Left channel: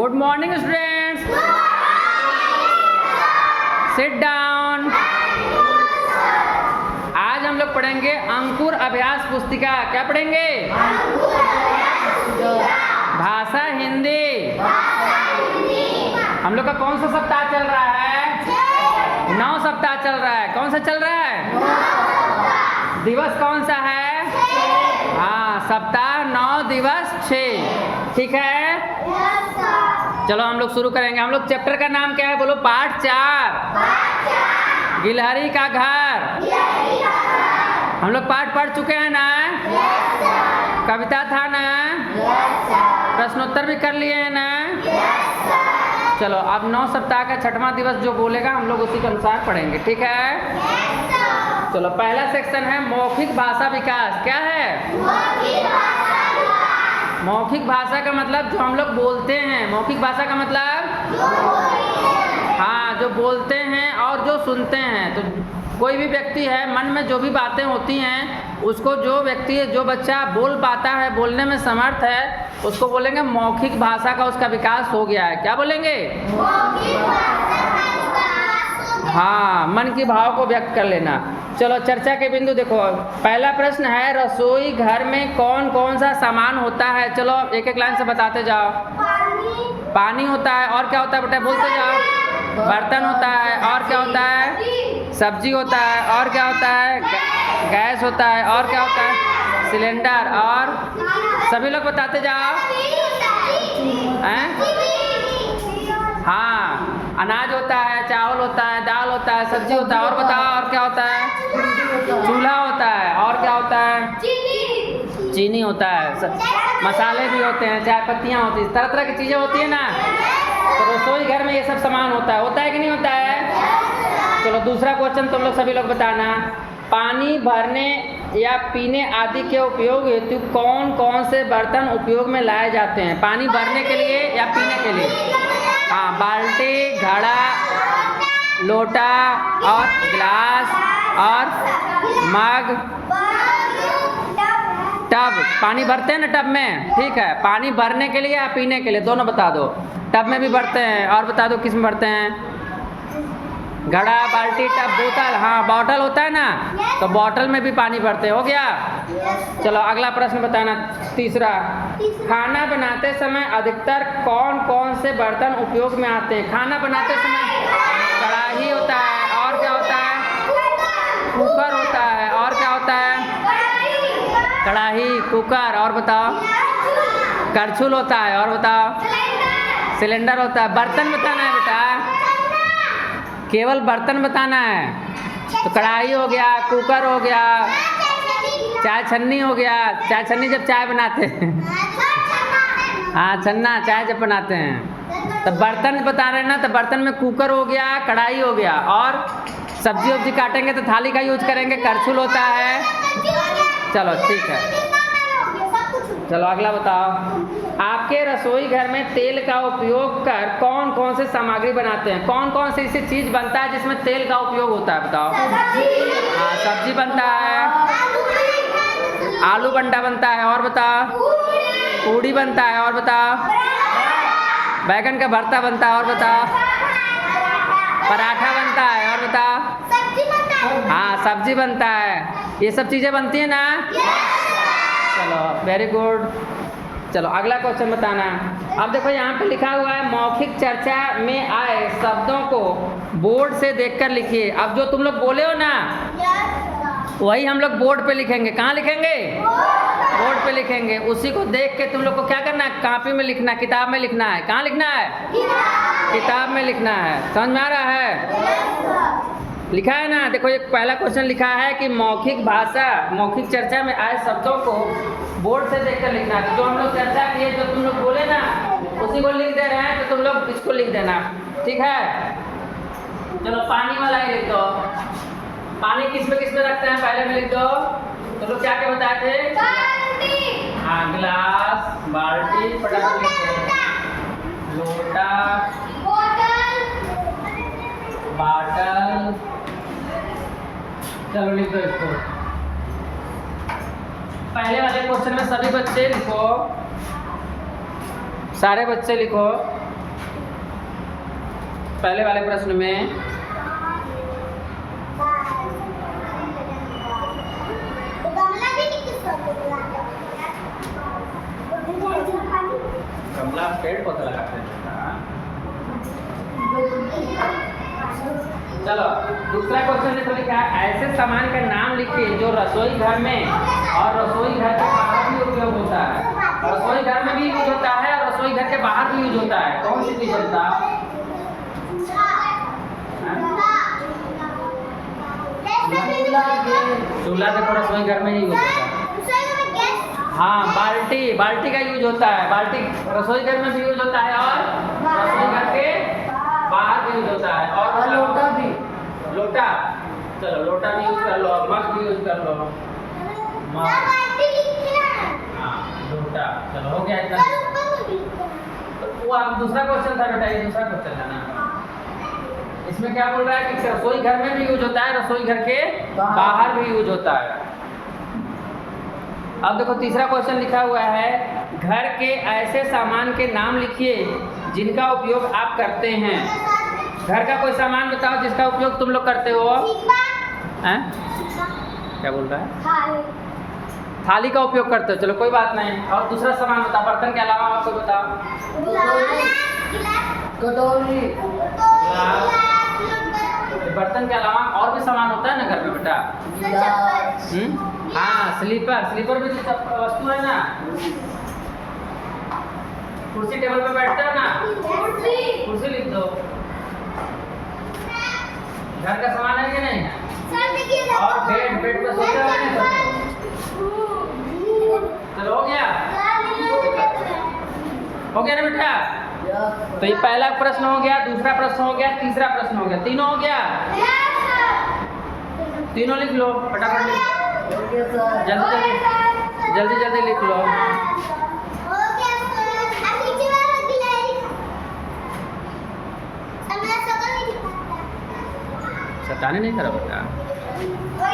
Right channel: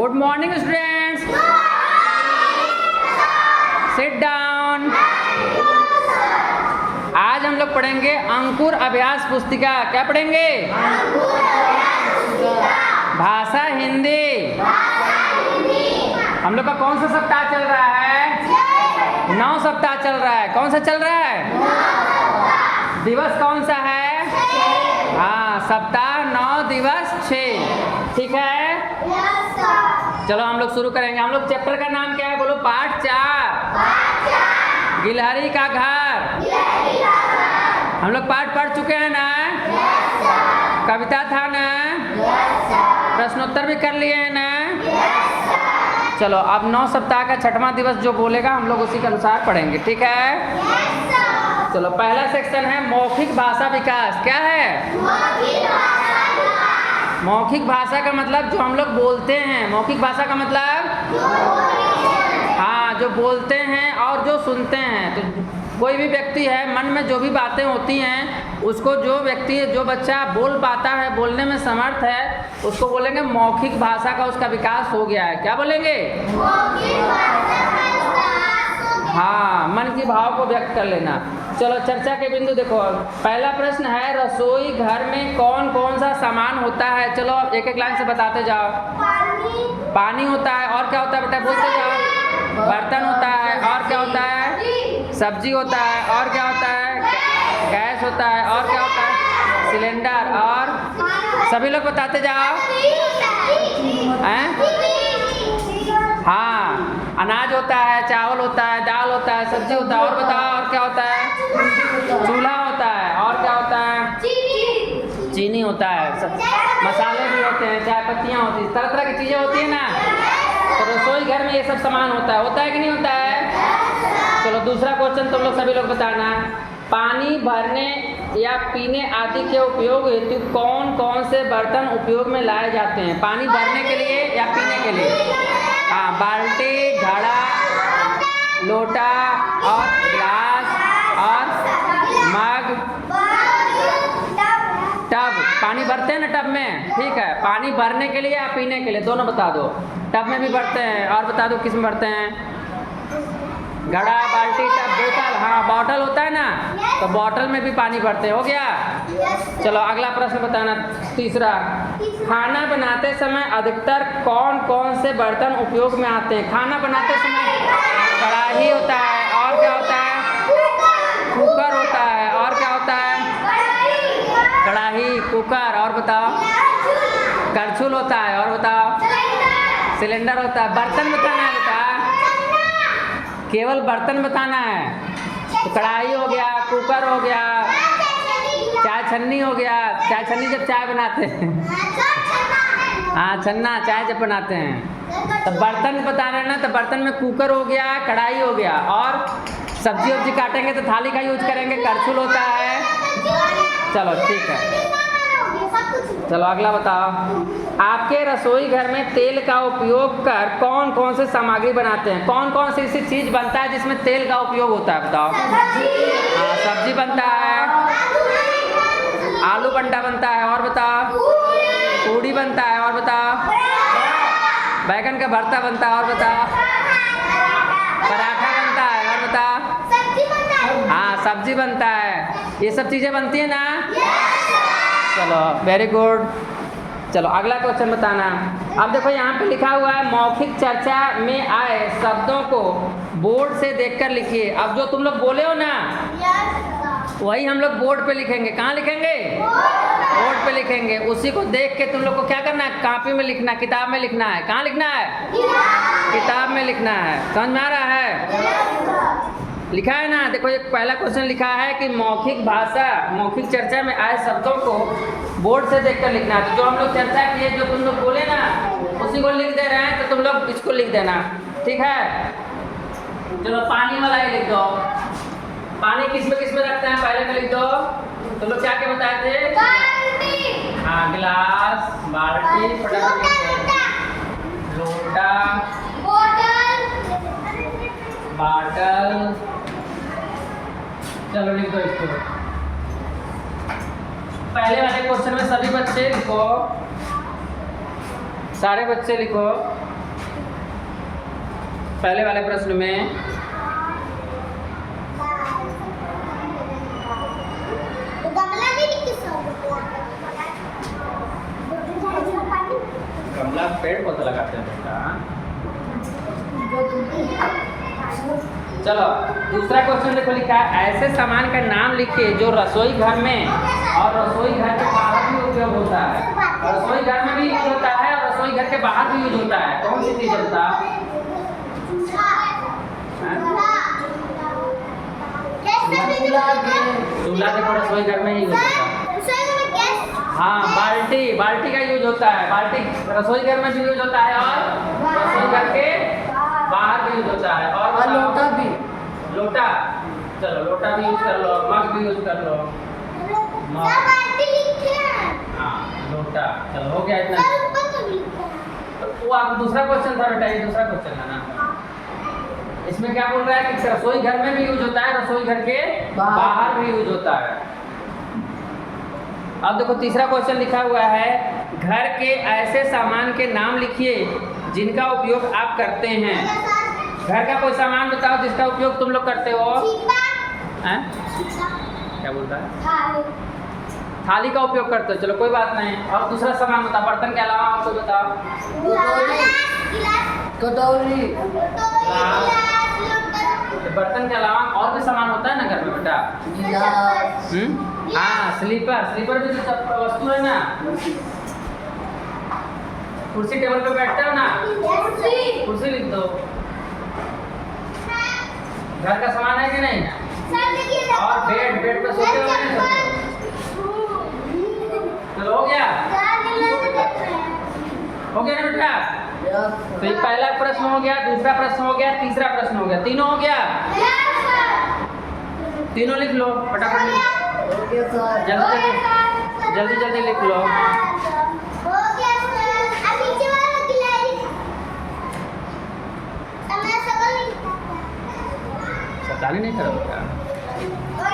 Good morning students, sit down. आज हम लोग पढ़ेंगे अंकुर अभ्यास पुस्तिका। क्या पढ़ेंगे? भाषा हिंदी। हम लोग का कौन सा सप्ताह चल रहा है? 9 सप्ताह चल रहा है। कौन सा चल रहा है? दिवस कौन सा है? हाँ, सप्ताह 9 दिवस 6। ठीक है, चलो हम लोग शुरू करेंगे। हम लोग चैप्टर का नाम क्या है? बोलो। पाठ 4, गिलहरी का घर। हम लोग पाठ पढ़ चुके हैं ना? कविता था ना? प्रश्नोत्तर भी कर लिए हैं ना? चलो अब 9 सप्ताह का 6वां दिवस जो बोलेगा हम लोग उसी के अनुसार पढ़ेंगे। ठीक है, चलो पहला सेक्शन है मौखिक भाषा विकास। क्या है? मौखिक भाषा का मतलब जो हम लोग बोलते हैं। मौखिक भाषा का मतलब हाँ, जो बोलते हैं और जो सुनते हैं। तो कोई भी व्यक्ति है, मन में जो भी बातें होती हैं उसको जो व्यक्ति है, जो बच्चा बोल पाता है, बोलने में समर्थ है, उसको बोलेंगे मौखिक भाषा का उसका विकास हो गया है। क्या बोलेंगे? हाँ, मन की भाव को व्यक्त कर लेना। चलो चर्चा के बिंदु देखो। पहला प्रश्न है रसोई घर में कौन कौन सा सामान होता है? चलो एक एक लाइन से बताते जाओ। पानी होता है। और क्या होता है बेटा? बोलते जाओ। बर्तन होता है। और क्या होता है? सब्जी होता है। और क्या होता है? गैस होता है। और क्या होता है? सिलेंडर। और सभी लोग बताते जाओ। हाँ, अनाज होता है, चावल होता है, दाल होता है, सब्जी होता है। और बताओ और क्या होता है? चूल्हा होता है। और क्या होता है? चीनी होता है। मसाले भी होते हैं, चाय पत्तियाँ होती हैं, तरह तरह की चीज़ें होती है ना। तो रसोई घर में ये सब सामान होता है कि नहीं होता है? चलो दूसरा क्वेश्चन तुम लोग सभी लोग बताना। पानी भरने या पीने आदि के उपयोग हेतु कौन कौन से बर्तन उपयोग में लाए जाते हैं? पानी भरने के लिए या पीने के लिए? हाँ, बाल्टी, घड़ा, लोटा और गिलास और मग, टब। पानी भरते हैं ना टब में? ठीक है, पानी भरने के लिए या पीने के लिए? दोनों बता दो। टब में भी भरते हैं। और बता दो किस में भरते हैं? घड़ा, बाल्टी, टब, बोतल। हाँ, बॉटल होता है ना, तो बॉटल में भी पानी भरते हैं। हो गया? चलो अगला प्रश्न बताना। तीसरा, खाना बनाते समय अधिकतर कौन कौन से बर्तन उपयोग में आते हैं? खाना बनाते समय कढ़ाई होता है। और क्या होता है? कुकर होता है। और क्या होता है? कढ़ाई, कुकर। और बताओ? करछुल होता है। और बताओ? सिलेंडर होता है। बर्तन बताना है बेटा, केवल बर्तन बताना है। तो कढ़ाई हो गया, कुकर हो गया, चाय छन्नी हो गया। चाय छन्नी जब चाय बनाते हैं। हाँ, छन्ना चाय जब बनाते हैं। तो बर्तन बताना है ना, तो बर्तन में कुकर हो गया, कढ़ाई हो गया। और सब्जी वब्जी काटेंगे तो थाली का यूज करेंगे, करछुल होता है। चलो ठीक है, चलो अगला बताओ। आपके रसोई घर में तेल का उपयोग कर कौन कौन से सामग्री बनाते हैं? कौन कौन सी ऐसी चीज़ बनता है जिसमें तेल का उपयोग होता है? बताओ। हाँ, सब्जी बनता है, आलू बंडा बनता है। और बताओ? पूड़ी बनता है। और बताओ? बैगन का भरता बनता है। और बताओ? पराठा बनता है। और बताओ? हाँ, सब्जी बनता है। ये सब चीज़ें बनती है ना? चलो वेरी गुड। चलो अगला क्वेश्चन बताना। अब देखो यहाँ पे लिखा हुआ है मौखिक चर्चा में आए शब्दों को बोर्ड से देखकर लिखिए। अब जो तुम लोग बोले हो ना, वही हम लोग बोर्ड पे लिखेंगे। कहाँ लिखेंगे? बोर्ड पे लिखेंगे। उसी को देख के तुम लोग को क्या करना है? कॉपी में लिखना, किताब में लिखना है। कहाँ लिखना है? किताब में लिखना है। समझ में आ रहा है? लिखा है ना? देखो एक पहला क्वेश्चन लिखा है कि मौखिक भाषा, मौखिक चर्चा में आए शब्दों को बोर्ड से देखकर लिखना है। तो जो हम लोग चर्चा किए, जो तुम लोग बोले ना, उसी को लिख दे रहे हैं। तो तुम लोग इसको लिख देना। ठीक है, चलो पानी वाला ही लिख दो। पानी किस में रखते हैं पहले में लिख दो। तुम लोग क्या क्या बताए थे? हाँ, गिलास, बाल्टी, लोटा, बॉटल। चलो लिख दो इसको। पहले वाले क्वेश्चन में सभी बच्चे लिखो, सारे बच्चे लिखो। पहले वाले प्रश्न में गमला पेड़ पौधा लगाते हैं बेटा। चलो दूसरा क्वेश्चन देखो, लिखा है ऐसे सामान का नाम लिखिए जो रसोई घर में और रसोई घर के बाहर भी उपयोग होता है। रसोई घर में भी यूज होता है और रसोई घर के बाहर भी यूज होता है। कौन सी चीज होता है? चूल्हा देखो रसोई घर में यूज होता है। हाँ, बाल्टी का यूज होता है। बाल्टी रसोई घर में भी यूज होता है और रसोई घर के बाहर भी यूज होता है। और लोटा भी, लोटा, चलो लोटा भी यूज कर लो, मग भी यूज कर लो, मग, हाँ लोटा। चलो हो गया इतना। तो वो आप दूसरा क्वेश्चन था बेटा, ये दूसरा क्वेश्चन है ना। इसमें क्या बोल रहा है कि रसोई घर में भी यूज होता है, रसोई घर के बाहर भी यूज होता है। अब देखो तीसरा क्वेश्चन लिखा हुआ है, घर के ऐसे सामान के नाम लिखिए जिनका उपयोग आप करते हैं। घर का कोई सामान बताओ जिसका उपयोग तुम लोग करते हो। हैं? क्या बोल रहा है? थाली का उपयोग करते हो, चलो कोई बात नहीं। और दूसरा सामान बताओ, बर्तन के अलावा आपको बताओ। कटोरी। बर्तन के अलावा और भी सामान होता है ना घर में बेटा। हाँ, स्लीपर भी तो वस्तु है ना। कुर्सी टेबल पे बैठते हो ना, कुर्सी लिख दो। घर का सामान है कि नहीं? और बेड पे सोते हो नहीं सोते? चलो हो गया ना बेटा। तो ये पहला प्रश्न हो गया, दूसरा प्रश्न हो गया, तीसरा प्रश्न हो गया, तीनों हो गया। तीनों लिख लो फटाफट, जल्दी लिख लो। सताने नहीं करो बेटा।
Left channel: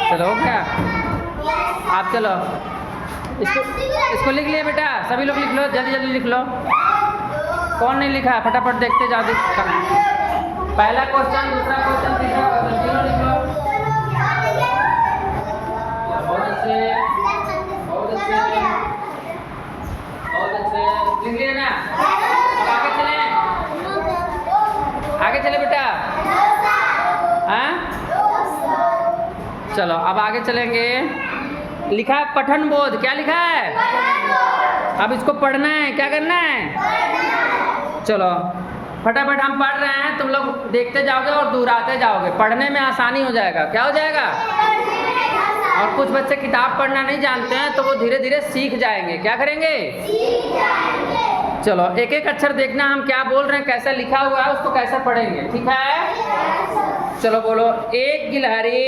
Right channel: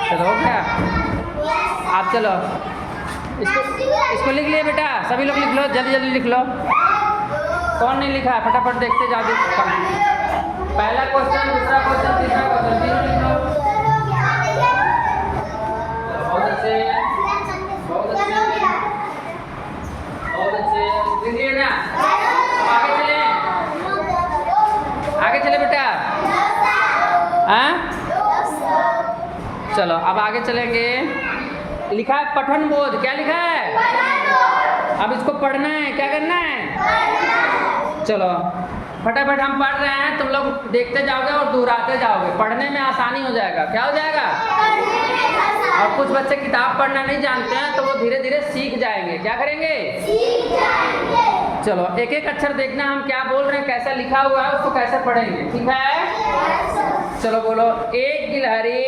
चलो हो गया। आप चलो इसको लिख लिए बेटा, सभी लोग लिख लो, जल्दी लिख लो। कौन नहीं लिखा फटाफट देखते जाके। पहला क्वेश्चन, दूसरा क्वेश्चन, तीसरा क्वेश्चन, तीनों लिख लो। बहुत अच्छे लिख लिए ना। अब आगे चले बेटा। हाँ चलो अब आगे चलेंगे। लिखा है पठन बोध, क्या लिखा है? अब इसको पढ़ना है, क्या करना है? चलो फटाफट हम पढ़ रहे हैं, तुम लोग देखते जाओगे और दोहराते जाओगे, पढ़ने में आसानी हो जाएगा। क्या हो जाएगा? और कुछ बच्चे किताब पढ़ना नहीं जानते हैं तो वो धीरे धीरे सीख जाएंगे। क्या करेंगे? सीख जाएंगे। चलो एक एक अक्षर देखना हम क्या बोल रहे हैं, कैसा लिखा हुआ है उसको कैसे पढ़ेंगे, ठीक है? चलो बोलो। एक गिलहरी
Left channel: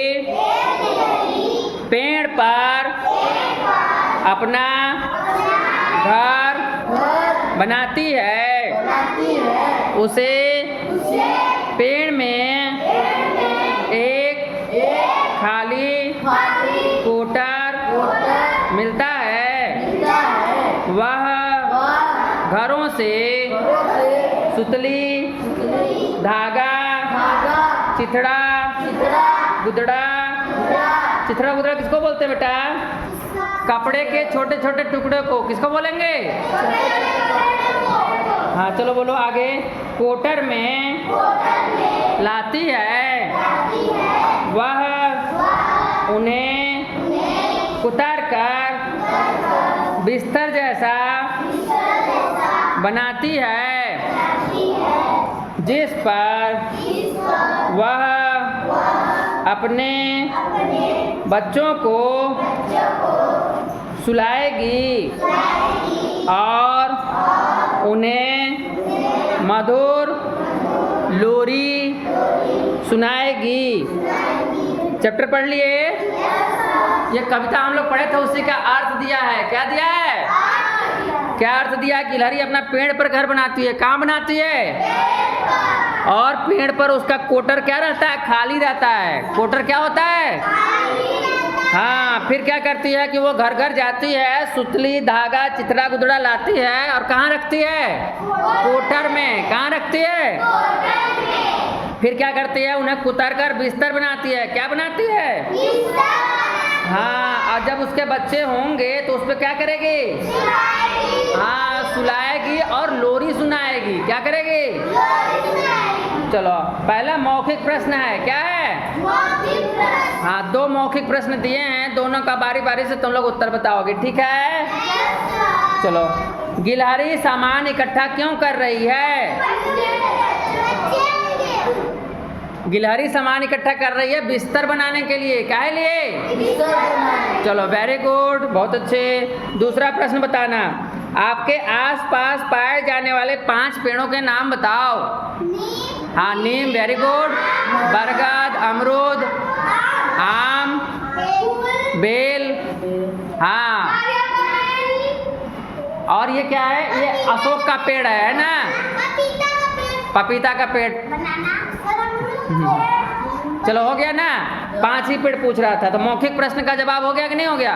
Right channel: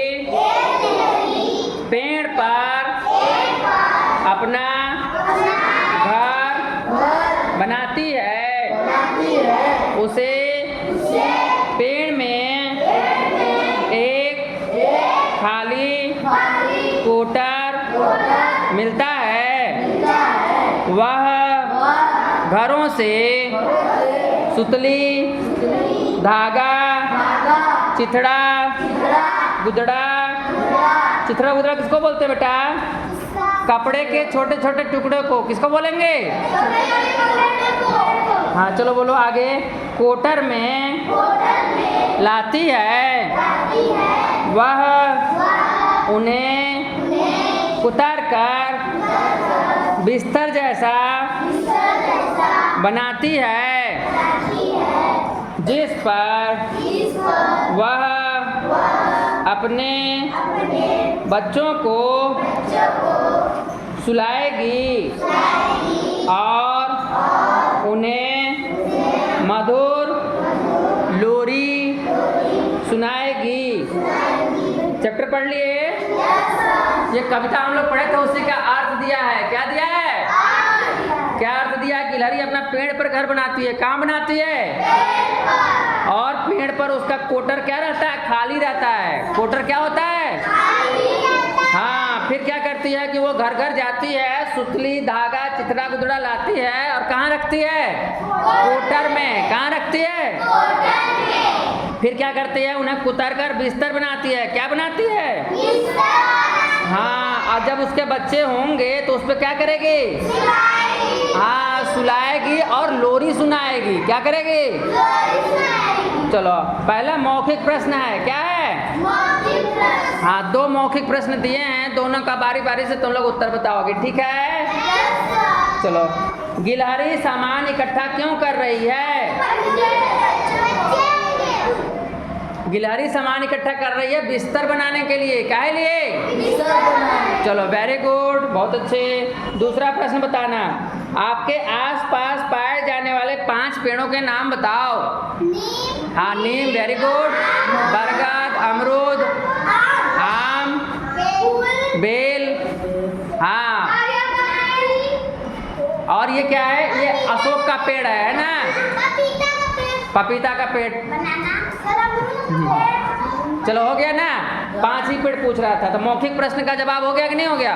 पेड़ पर अपना घर बनाती है। उसे पेड़ में एक खाली कोटर मिलता है। वह घरों से सुतली, धागा, चिथड़ा, गुदड़ा। चिथड़ा गुदड़ा किसको बोलते हैं बेटा? कपड़े के छोटे छोटे टुकड़े को किसको बोलेंगे? हाँ चलो बोलो आगे। कोटर में लाती है। वह उन्हें उतार कर बिस्तर जैसा बनाती है, जिस पर वह अपने बच्चों को सुलाएगी और उन्हें मधुर लोरी सुनाएगी। चैप्टर पढ़ लिए? ये कविता हम लोग पढ़े थे, उसी का अर्थ दिया है। क्या दिया है? क्या अर्थ दिया है? गिलहरी अपना पेड़ पर घर बनाती है। कहाँ बनाती है? और पेड़ पर उसका कोटर क्या रहता है? खाली रहता है। कोटर क्या होता है? हाँ, फिर क्या करती है कि वो घर घर जाती है, सुतली, धागा, चिथड़ा गुदड़ा लाती है और कहाँ रखती है? कोटर में। कहाँ रखती है? फिर क्या करती है, उन्हें कुतर कर बिस्तर बनाती है। क्या बनाती है? हाँ, और जब उसके बच्चे होंगे तो उस पर क्या करेगी? हाँ, सुलाएगी और लोरी सुनाएगी। क्या करेगी? चलो, पहला मौखिक प्रश्न है, क्या है? हाँ, 2 मौखिक प्रश्न दिए हैं, दोनों का बारी बारी से तुम लोग उत्तर बताओगे, ठीक है? चलो, गिलहरी सामान इकट्ठा क्यों कर रही है? गिलहरी सामान इकट्ठा कर रही है बिस्तर बनाने के लिए। काहे लिए? बिस्तर बनाने। चलो, वेरी गुड, बहुत अच्छे। दूसरा प्रश्न बताना, आपके आसपास पाए जाने वाले 5 पेड़ों के नाम बताओ। नीम। हाँ, नीम, वेरी गुड। बरगद, अमरूद, आम, बेल, हाँ। और ये क्या है? ये अशोक का पेड़ है ना? पपीता का पेड़। चलो, हो गया ना? 5 ही पेड़ पूछ रहा था, तो मौखिक प्रश्न का जवाब हो गया कि नहीं हो गया?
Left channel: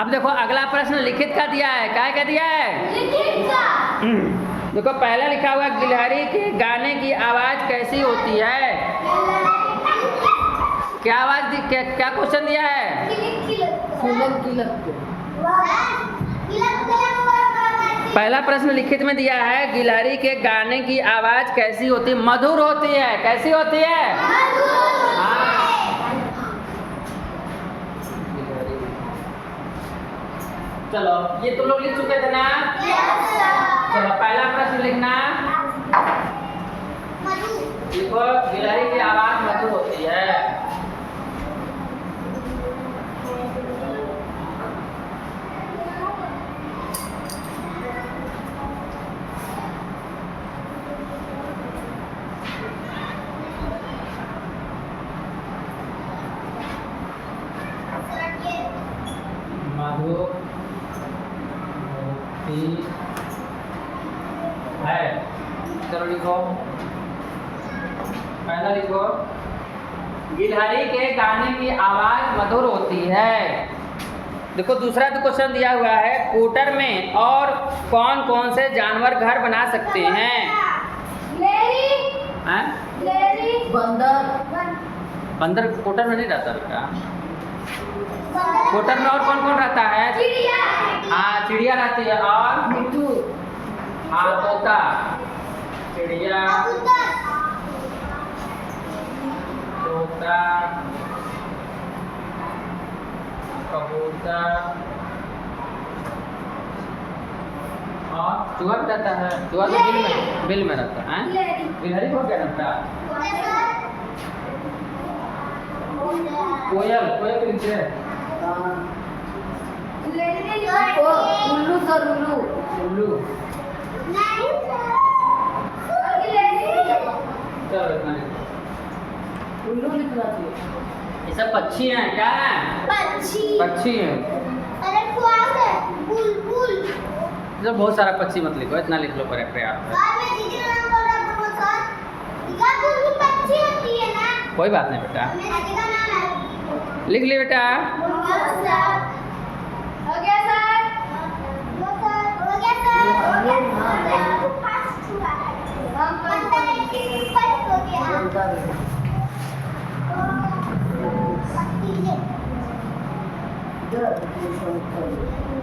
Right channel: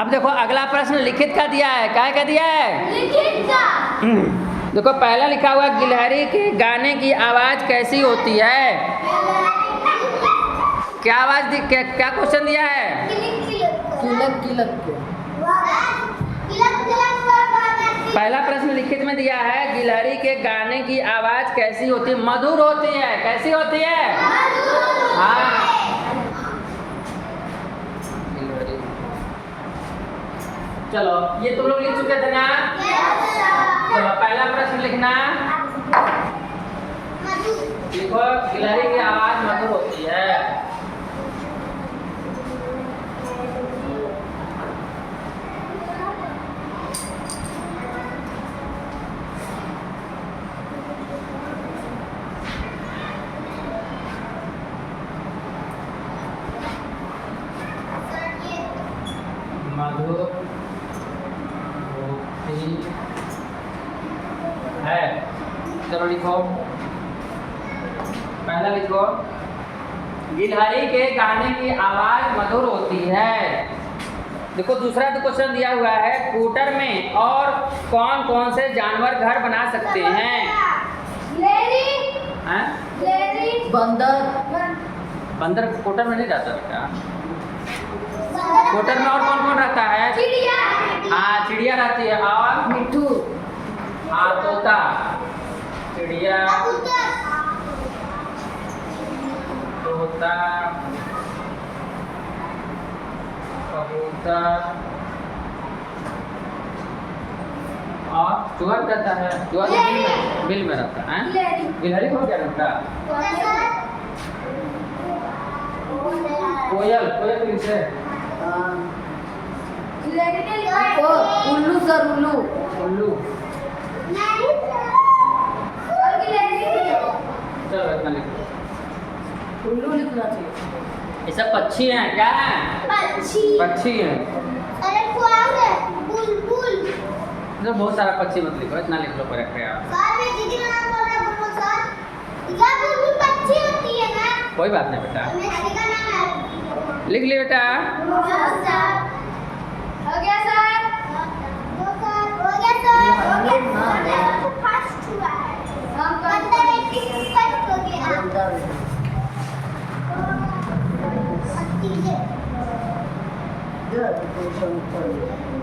अब देखो, अगला प्रश्न लिखित का दिया है। क्या दिया है? लिखित का। देखो, पहला लिखा हुआ, गिलहरी के गाने की आवाज कैसी होती है? क्या आवाज क्या क्वेश्चन दिया है? पहला प्रश्न लिखित में दिया है, गिलहरी के गाने की आवाज कैसी होती है? मधुर होती है। कैसी होती है? हाँ। चलो, ये तुम लोग लिख चुके थे ना? चलो, पहला प्रश्न लिखना, देखो, गिलहरी की आवाज मधुर होती है। मधुर होती है। चलो, लिखो, पहला लिखो, गिलहरी के गाने की आवाज मधुर होती है। देखो, दूसरा तो क्वेश्चन दिया हुआ है, कूटर में और कौन कौन से जानवर घर बना सकते हैं? बंदर कूटर में नहीं रहता बेटा। कूटर में और कौन कौन रहता है? चिड़िया। हाँ, चिड़िया रहती है। और मिट्टू। हाँ, तोता, चिड़िया, तोता, कबूतर और चूहा भी रहता है। चूहा तो बिल में रहता है। गिलहरी को क्या रहता है? कोयल। कोयल किनसे? उल्लू सर, उल्लू। चलो, इतना लिखो। उल्लू लिखना चाहिए। ये सब पक्षी हैं। क्या है? पक्षी हैं। अरे बुलबुल। जो बहुत सारा पक्षी मत लिखो, इतना लिख लो करेक्ट है आप। कोई बात नहीं बेटा, लिख ले बेटा। हो गया सर।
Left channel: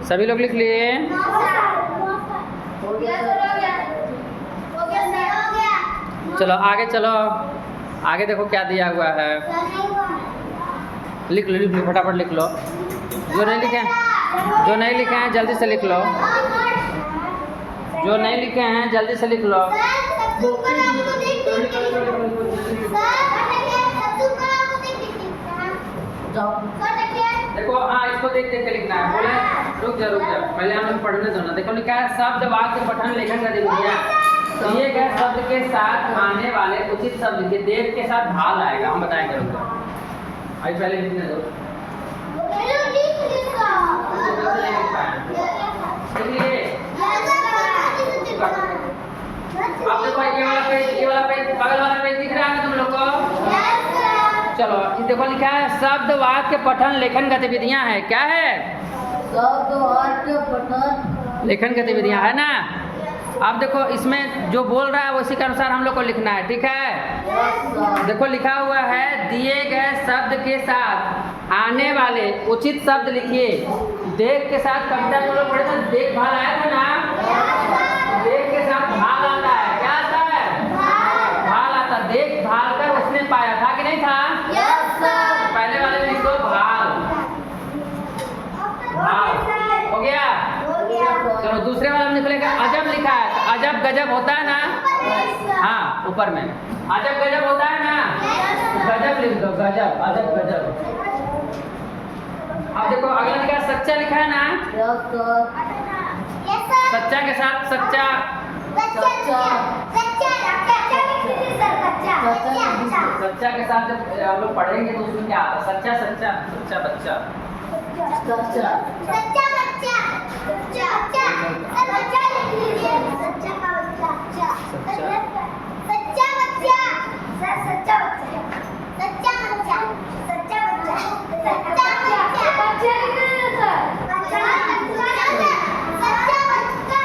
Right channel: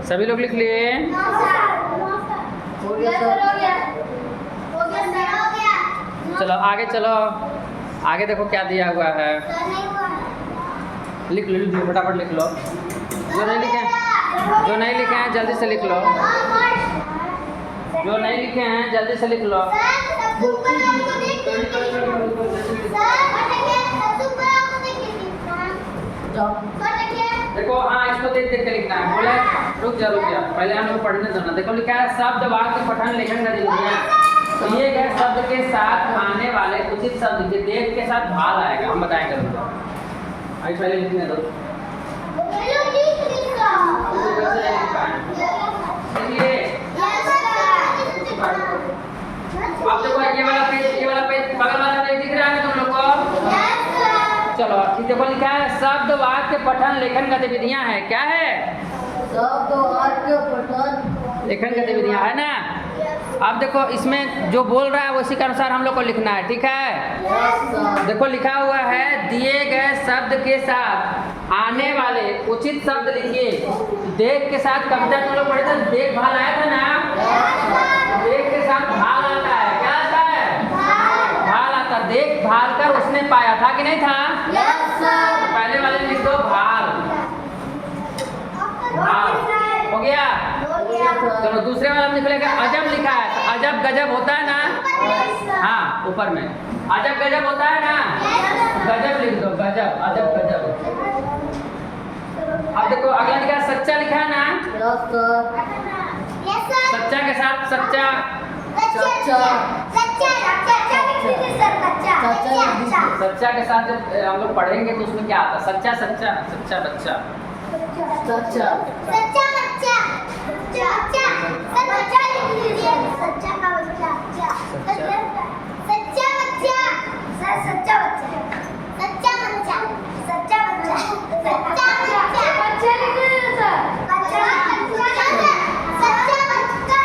सभी लोग लिख लिए? चलो, आगे चलो। आगे देखो क्या दिया हुआ है। लिख लो, फटाफट लिख लो। जो नहीं लिखे हैं जल्दी से लिख लो। जो नहीं लिखे हैं जल्दी से लिख लो। देखो, हाँ, इसको देख देख के लिखना है। बोले रुक जा, पहले हमको पढ़ने दो ना। देखो, लिखा है शब्द, वाक्य, पठन, लेखन गतिविधियाँ। दिए गए शब्द के साथ आने वाले उचित शब्द के देख के साथ भाल आएगा। हम बताएंगे उनको। अभी पहले लिखने दो। आप देखो, ये वाला पेज बगल वाला पेज दिख रहा है तुम लोग को? चलो, देखो, लिखा है शब्द, वाक्य, पठन, लेखन गतिविधियाँ है। क्या है? शब्द, वाक्य, पठन, लेखन गतिविधियाँ है ना? अब देखो इसमें जो बोल रहा है उसी के अनुसार हम लोग को लिखना है, ठीक है। देखो लिखा हुआ है दिए गए शब्द के साथ आने वाले उचित शब्द लिखिए। देख के साथ कविता जो लोग पढ़े थे, देखभाल आया था ना, देख के साथ भाल आता है। क्या आता है? भाल आता। देखभाल कर उसने पाया था कि नहीं था? पहले वाले लिख दो भाल, भाल हो गया। चलो दूसरे वाला लिख लेगा अजब लिखा है, तो अजब गजब होता है ना, हाँ ऊपर में अजब गजब होता है ना, गजब लिख दो, गजब अजब गजब। अब देखो अगला लिखा है सच्चा लिखा है ना, सच्चा के साथ सच्चा, सच्चा के साथ जब हम लोग पढ़ेंगे तो उसमें क्या आता है? सच्चा सच्चा, सच्चा बच्चा, सच्चा सच्चा बच्चा, सच्चा सच्चा लिख लीजिए, सच्चा का बच्चा, सच्चा सच्चा बच्चा, सच्चा बच्चा, सच्चा बच्चा, सच्चा बच्चा, सच्चा बच्चा, बच्चे लिख लीजिए सर, बच्चा सच्चा बच्चा, सच्चा बच्चा।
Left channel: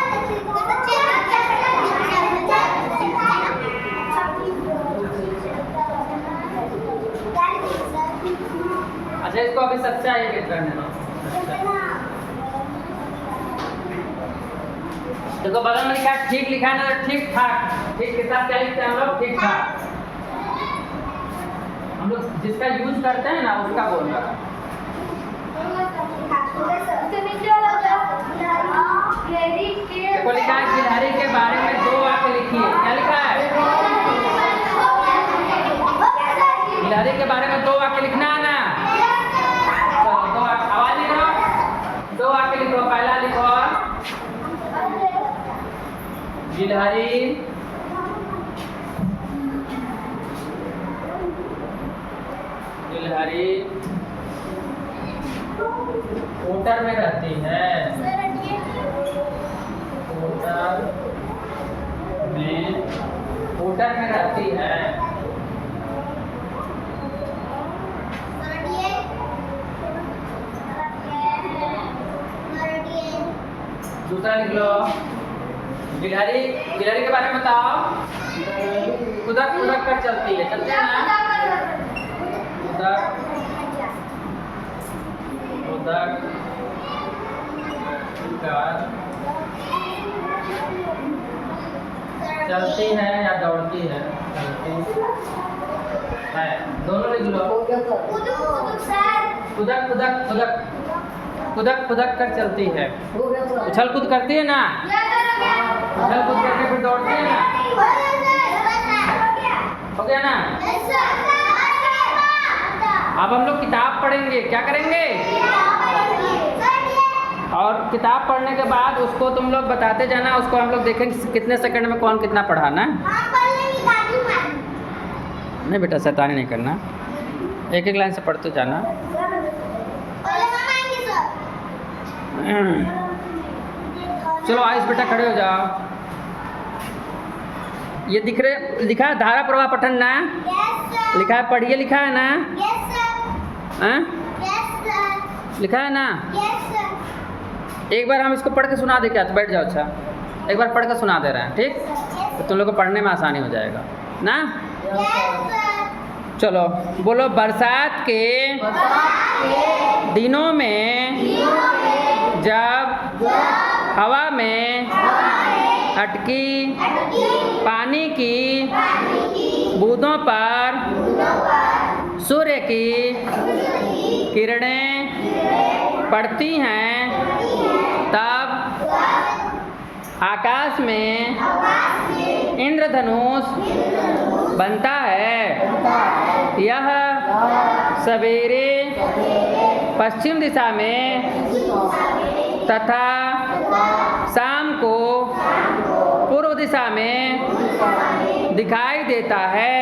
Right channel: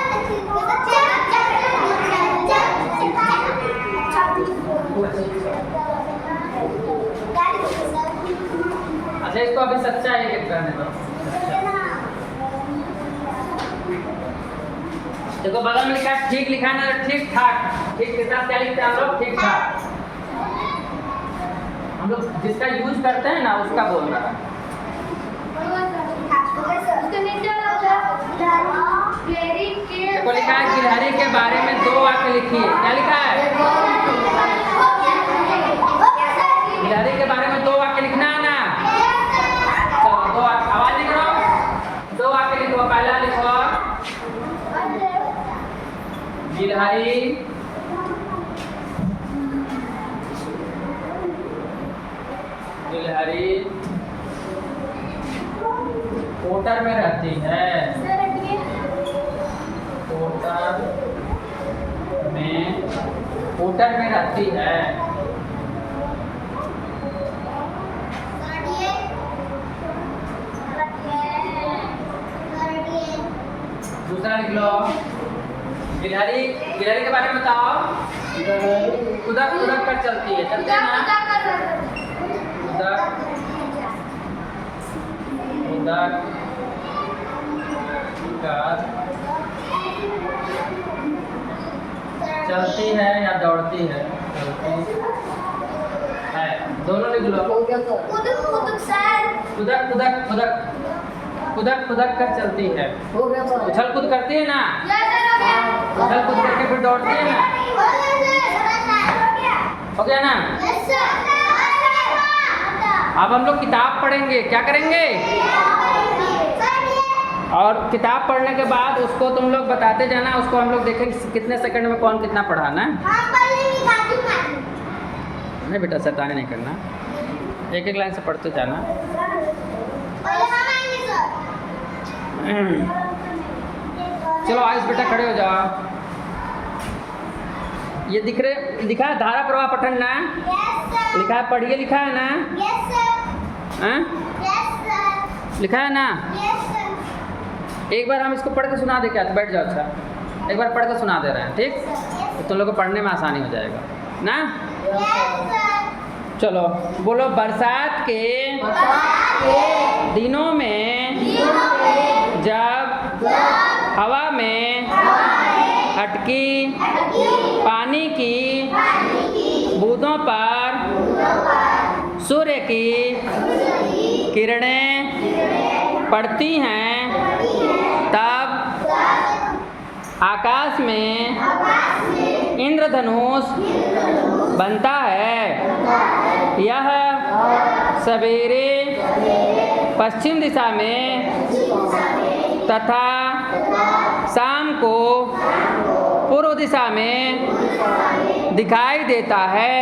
अच्छा इसको अभी सच्चा ही लिख करने दो। देखो बगल में लिखा ठीक लिखा है ना, ठीक ठाक। ठीक के साथ क्या लिखते हैं हम लोग? ठीक ठाक। हम लोग जिसका यूज करते हैं ना उसका बोल रहा है। देखो लिखा है गिलहरी के बारे में 2 वाक्य लिखिए। क्या लिखा है? गिलहरी के बारे में 2 वाक्य लिखना है ना। चलो 2 वाक्य, आवाज लिखो, 2 वाक्य लिखो। पहला लिखो गिलहरी गिलहरी ओटर में रहती है, ओटर में रहती है। दूसरा लिख लो गिलहरी, गिलहरी के बारे में बताओ। उधर उधर कर चलती है, चलते हैं ना, उधर उधर चलती है या दौड़ती है? चलती है, दोनों लिख लो। उधर उधर उधर खुदक खुदक कर चलती है, उछल कूद करती है ना, उछल कूद करके फिर दौड़ती है ना। हो गया ना? अब हम लोग किताब पढ़ेंगे। क्या करेंगे? और किताब पढ़ने के बाद उसको तुम लोग बताते जाना, उसको हम लोग देखेंगे कितने सेकंड में कौन कितना पढ़ा ना। नहीं बेटा शैतानी नहीं करना, एक एक लाइन से पढ़ते जाना। चलो आइस बेटा खड़े हो जाओ। ये लिखा है धारा प्रवाह पठन ना, लिखा है पढ़िए, लिखा है ना, लिखा है ना। एक बार हम इसको पढ़ के सुना दे क्या? तो बैठ जाओ। अच्छा एक बार पढ़ के सुना दे रहे हैं, ठीक? तो तुम लोग को पढ़ने में आसानी हो जाएगा ना। चलो बोलो बरसात के दिनों में जब हवा में अटकी पानी की बूंदों पर सूर्य की किरणें पड़ती हैं, तब आकाश में इंद्रधनुष बनता है। यह सवेरे पश्चिम दिशा में तथा शाम को पूर्व दिशा में दिखाई देता है।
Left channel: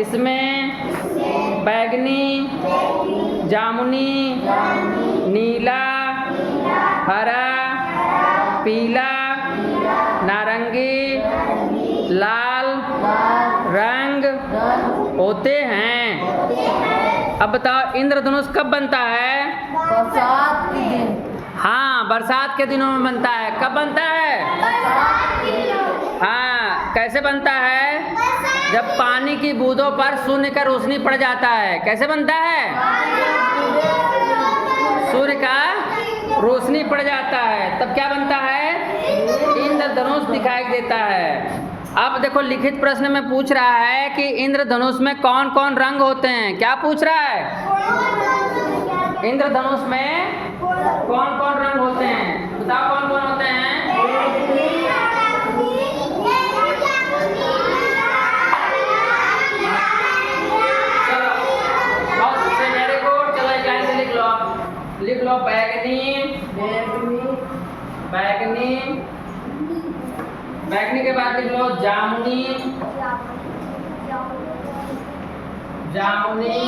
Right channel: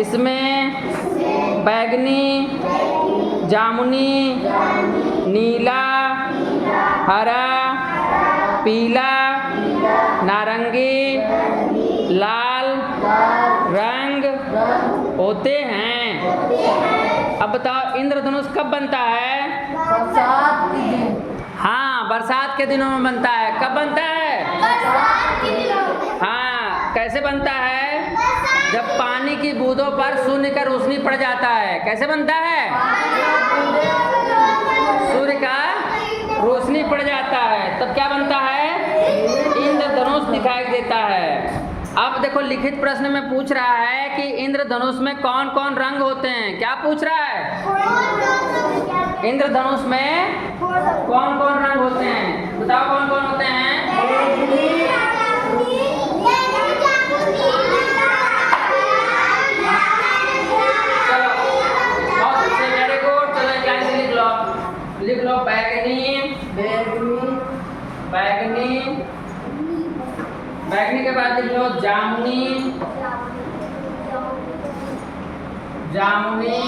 इसमें बैगनी, जामुनी, नीला, हरा, पीला, नारंगी, लाल रंग होते हैं। अब बताओ इंद्रधनुष कब बनता है? बरसात के दिन। हाँ बरसात के दिनों में बनता है। कब बनता है? हाँ, कैसे बनता है? जब पानी की बूंदों पर सूर्य का रोशनी पड़ जाता है। कैसे बनता है? सूर्य का रोशनी पड़ जाता है, तब क्या बनता है? इंद्रधनुष दिखाई देता है। अब देखो, लिखित प्रश्न में पूछ रहा है कि इंद्रधनुष में कौन कौन रंग होते हैं। क्या पूछ रहा है? इंद्रधनुष में कौन कौन रंग होते हैं? बताओ कौन कौन होते हैं? चलो, बहुत अच्छे, वेरी गुड। चलो एक लाइन से लिख लो। लिख लो बैगनी, बैगनी, बैगनी के बाद लिख लो जामुनी, जामुनी,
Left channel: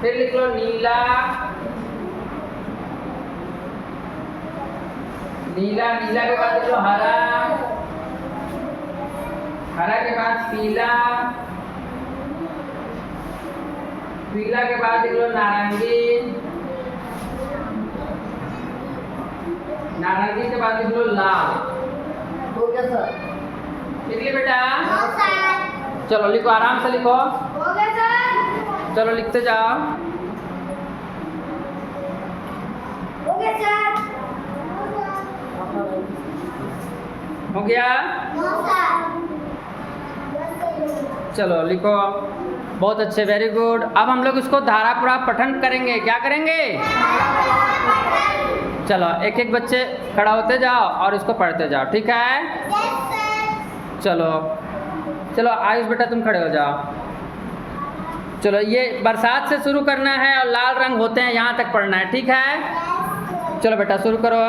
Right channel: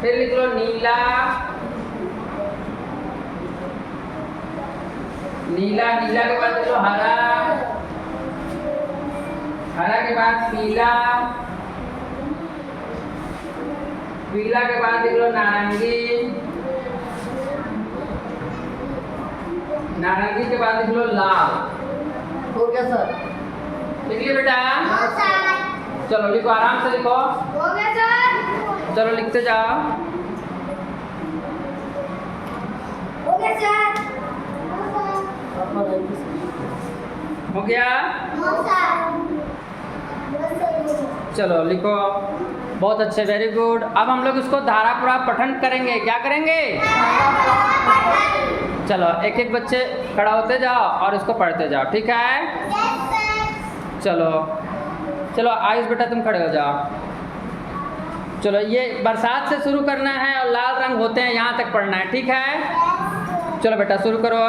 फिर लिख लो नीला, नीला, नीला के बाद लिख लो हरा, हरा के बाद पीला, पीला के बाद लिख लो नारंगी, नारंगी के बाद लिख लो लाल। हो गया सर? लिख लिया बेटा? चलो लिखो, आराम से लिखो। हो गया सर? चलो लिखते जाओ। हो गया सर? हो गया? चलो लिखो, बहुत अच्छे, वेरी गुड। अब हम लोग इसको धारापूरा पठन करेंगे। क्या करेंगे? चलो एक एक बच्चे खड़ा होते जाओ और इसको पढ़ते जाओ, ठीक है? चलो चलो आयुष बेटा तुम खड़े हो जाओ। चलो, ये बरसात से शुरू करना है और लाल रंग होते हैं यहाँ तक पढ़ना है, ठीक है? चलो बेटा शुरू करो।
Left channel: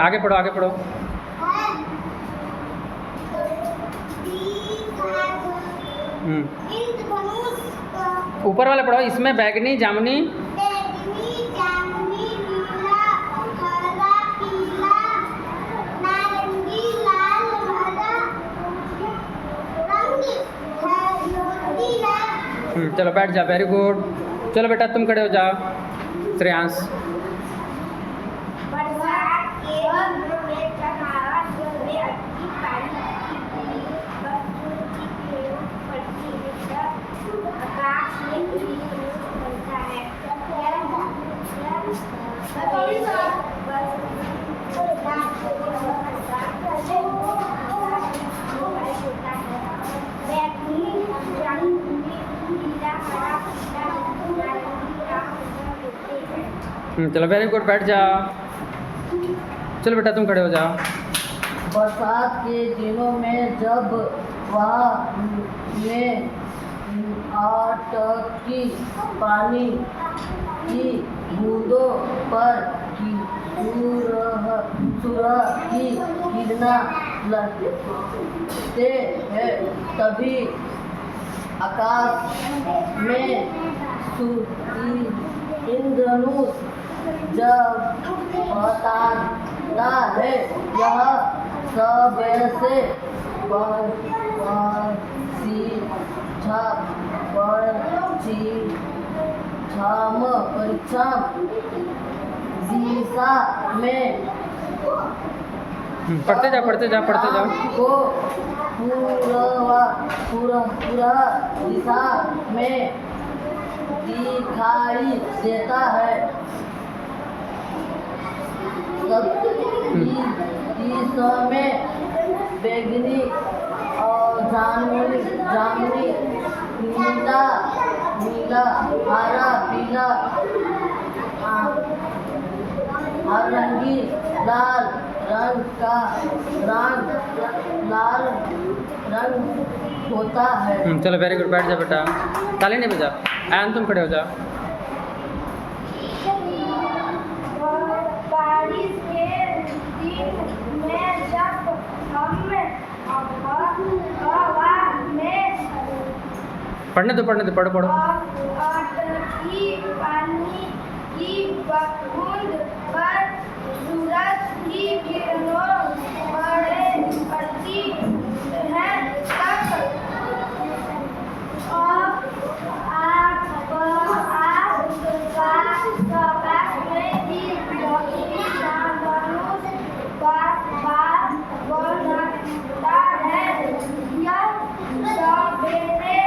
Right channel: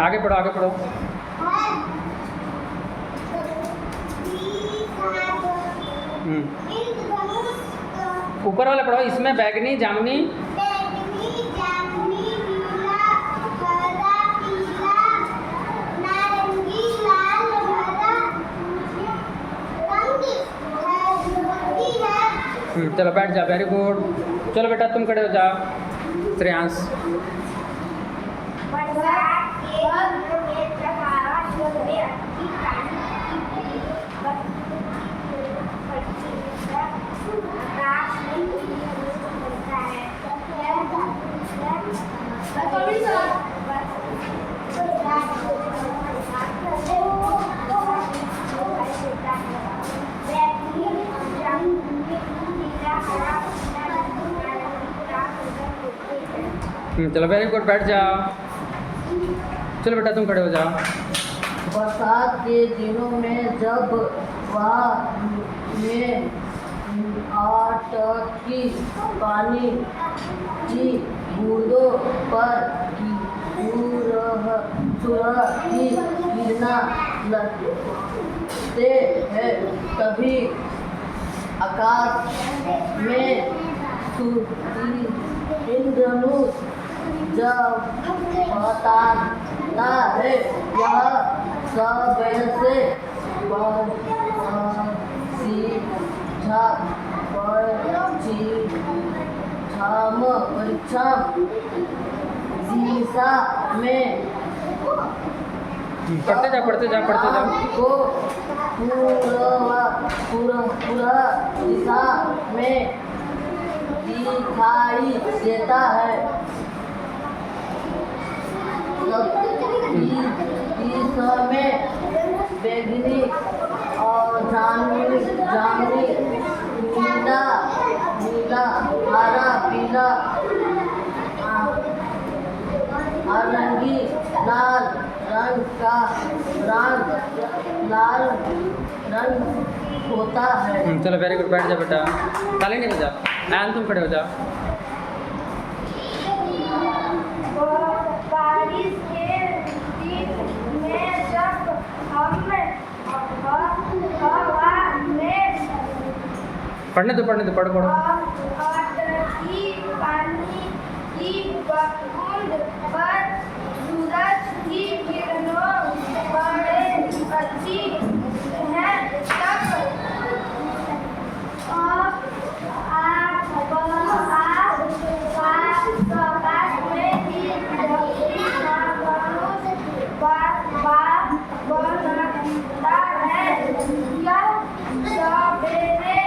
आगे पढ़ो, आगे पढ़ो। ऊपर वाला पढ़ो। इसमें बैगनी, जामुनी, नारंगी, लाल, हरा रंग है। चलो बैठ जाओ, वेरी गुड। चलो बेटा तुम खड़े हो जाओ। श्रेयांश। चलो वेरी गुड, बैठ जाओ। चलो बेटा तुम खड़े हो जाओ। बरसात के दिनों में जब वहाँ में अटकी पानी की बूंदों पर सूरज की किरणें लगते हैं, तभी आकाश में इंद्रधनुष जब बताता है। यह सबसे परीक्षा दिशा में पढ़ते जाओ, पढ़ते जाओ, पढ़ते जाओ। को पूरा दिशा में दिखाई देता है। इस समय बैगनी और जामुनी, नीला, हरा, पीला हर रंगी लाल रंग का लाल रंग होता है। चलो वेरी गुड, बैठ जा बेटा, ताली नहीं बजा। एंड तुम खड़े हो जाओ। बारिश के दिन में जब हम हवा में पढ़ने दो, पढ़ो पढ़ो। की पानी की बूंद पर सूरज की किरणों पड़ती हैं तब आकाश में ही बनता है। यह सवेरे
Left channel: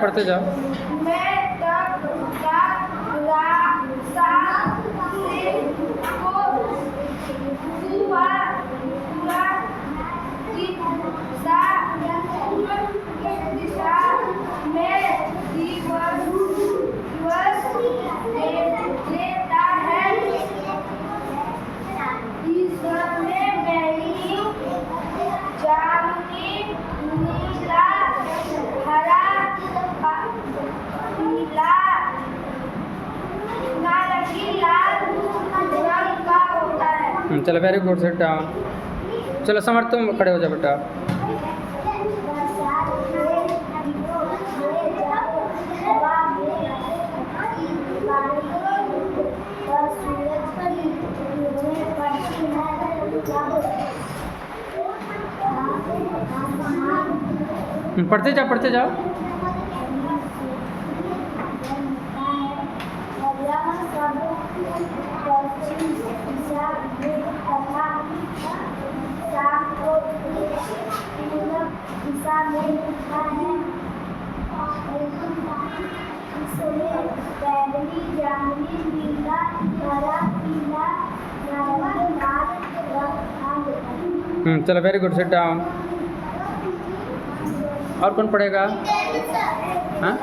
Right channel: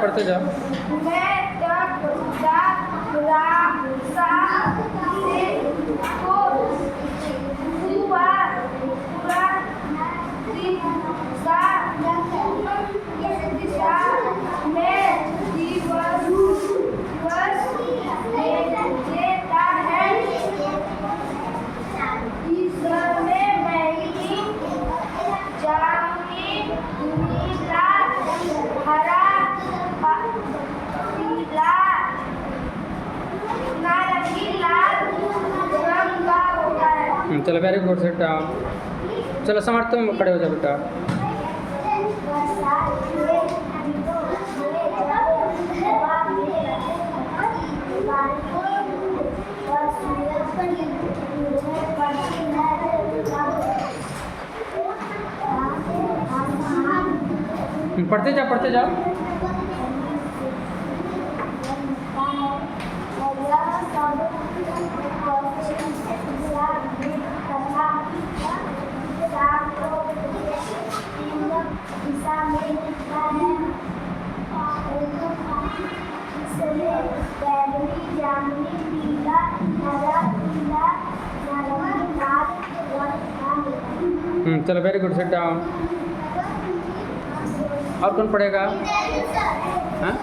पढ़ते जाओ। मैं तब दिशा में दिवस देता है। इसमें मेरी जामुनी नीला हरा पीला नारंगी लाल रंग का होता है। चलो वेरी गुड, सिट डाउन। चलो समर तुम खड़े हो जाओ बेटा। बरसात के दिनों में जब हवा में पानी और सूरज की किरणें पड़ती हैं तब आसमान पढ़ते जाओ। बनता है। और यह सब पश्चिम दिशा में तथा शाम को पूर्व दिशा में दिखता है। इसमें बैंगनी जामुनी नीला हरा पीला नारंगी लाल रंग का होता है। चलो वेरी गुड, सिट डाउन। और कौन पढ़ेगा? हाँ,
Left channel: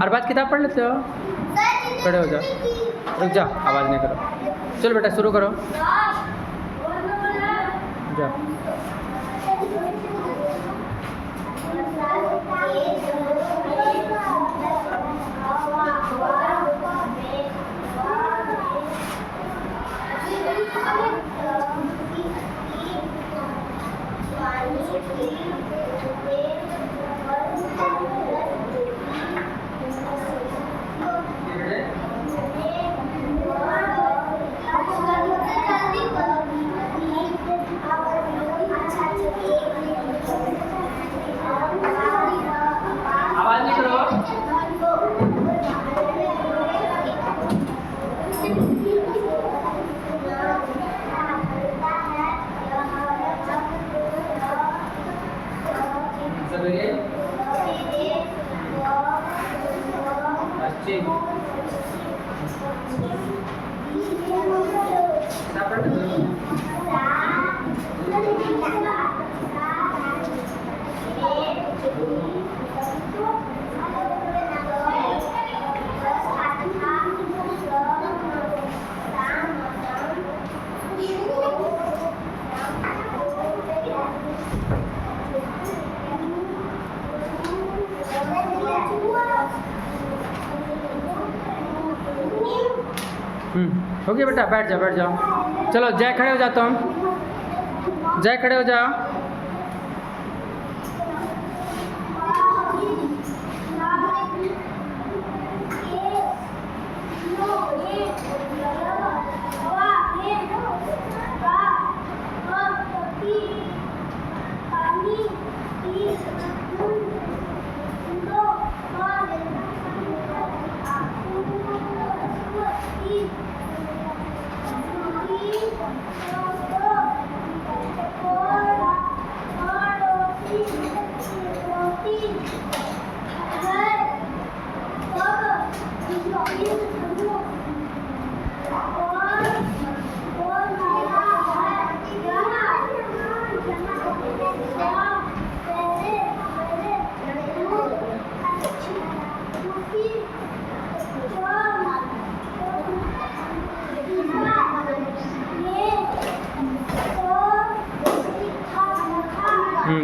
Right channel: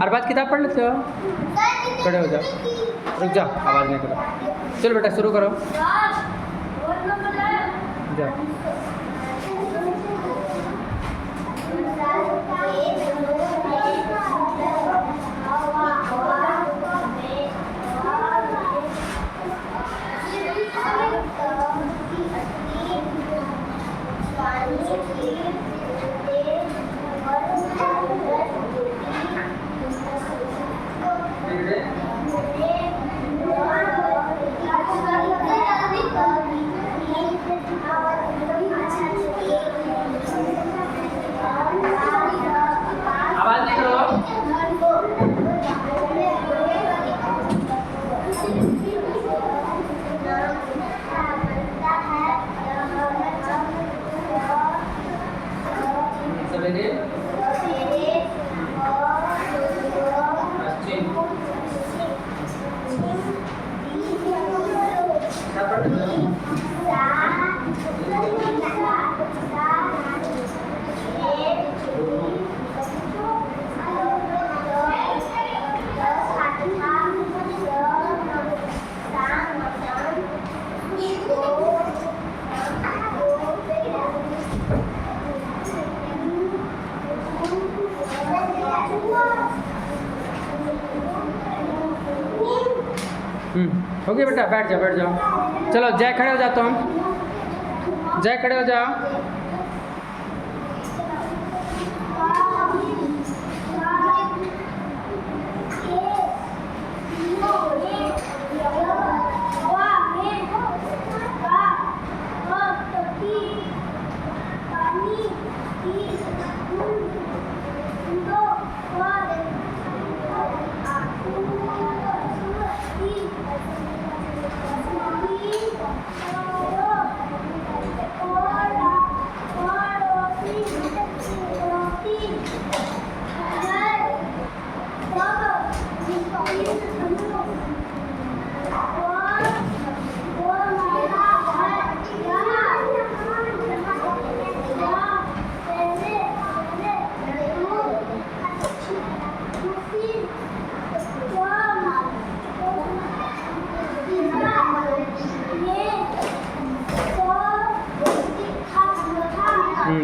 हर बात किताब पढ़ लेते हो? खड़े हो जाओ, रुक जाओ, आवाज़ नहीं करो। चलो बेटा शुरू करो, जाओ। आवाज़ नहीं करो। सवेरे पश्चिम हो गया बेटा, बैठ जाओ। चलो जय खड़े हो जाओ, तुम जय खड़े हो जाओ।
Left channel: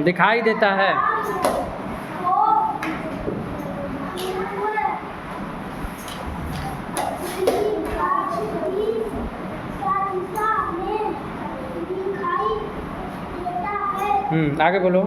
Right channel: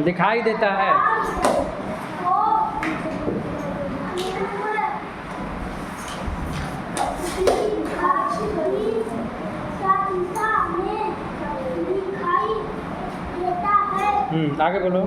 दिखाई देता है। आगे बोलो।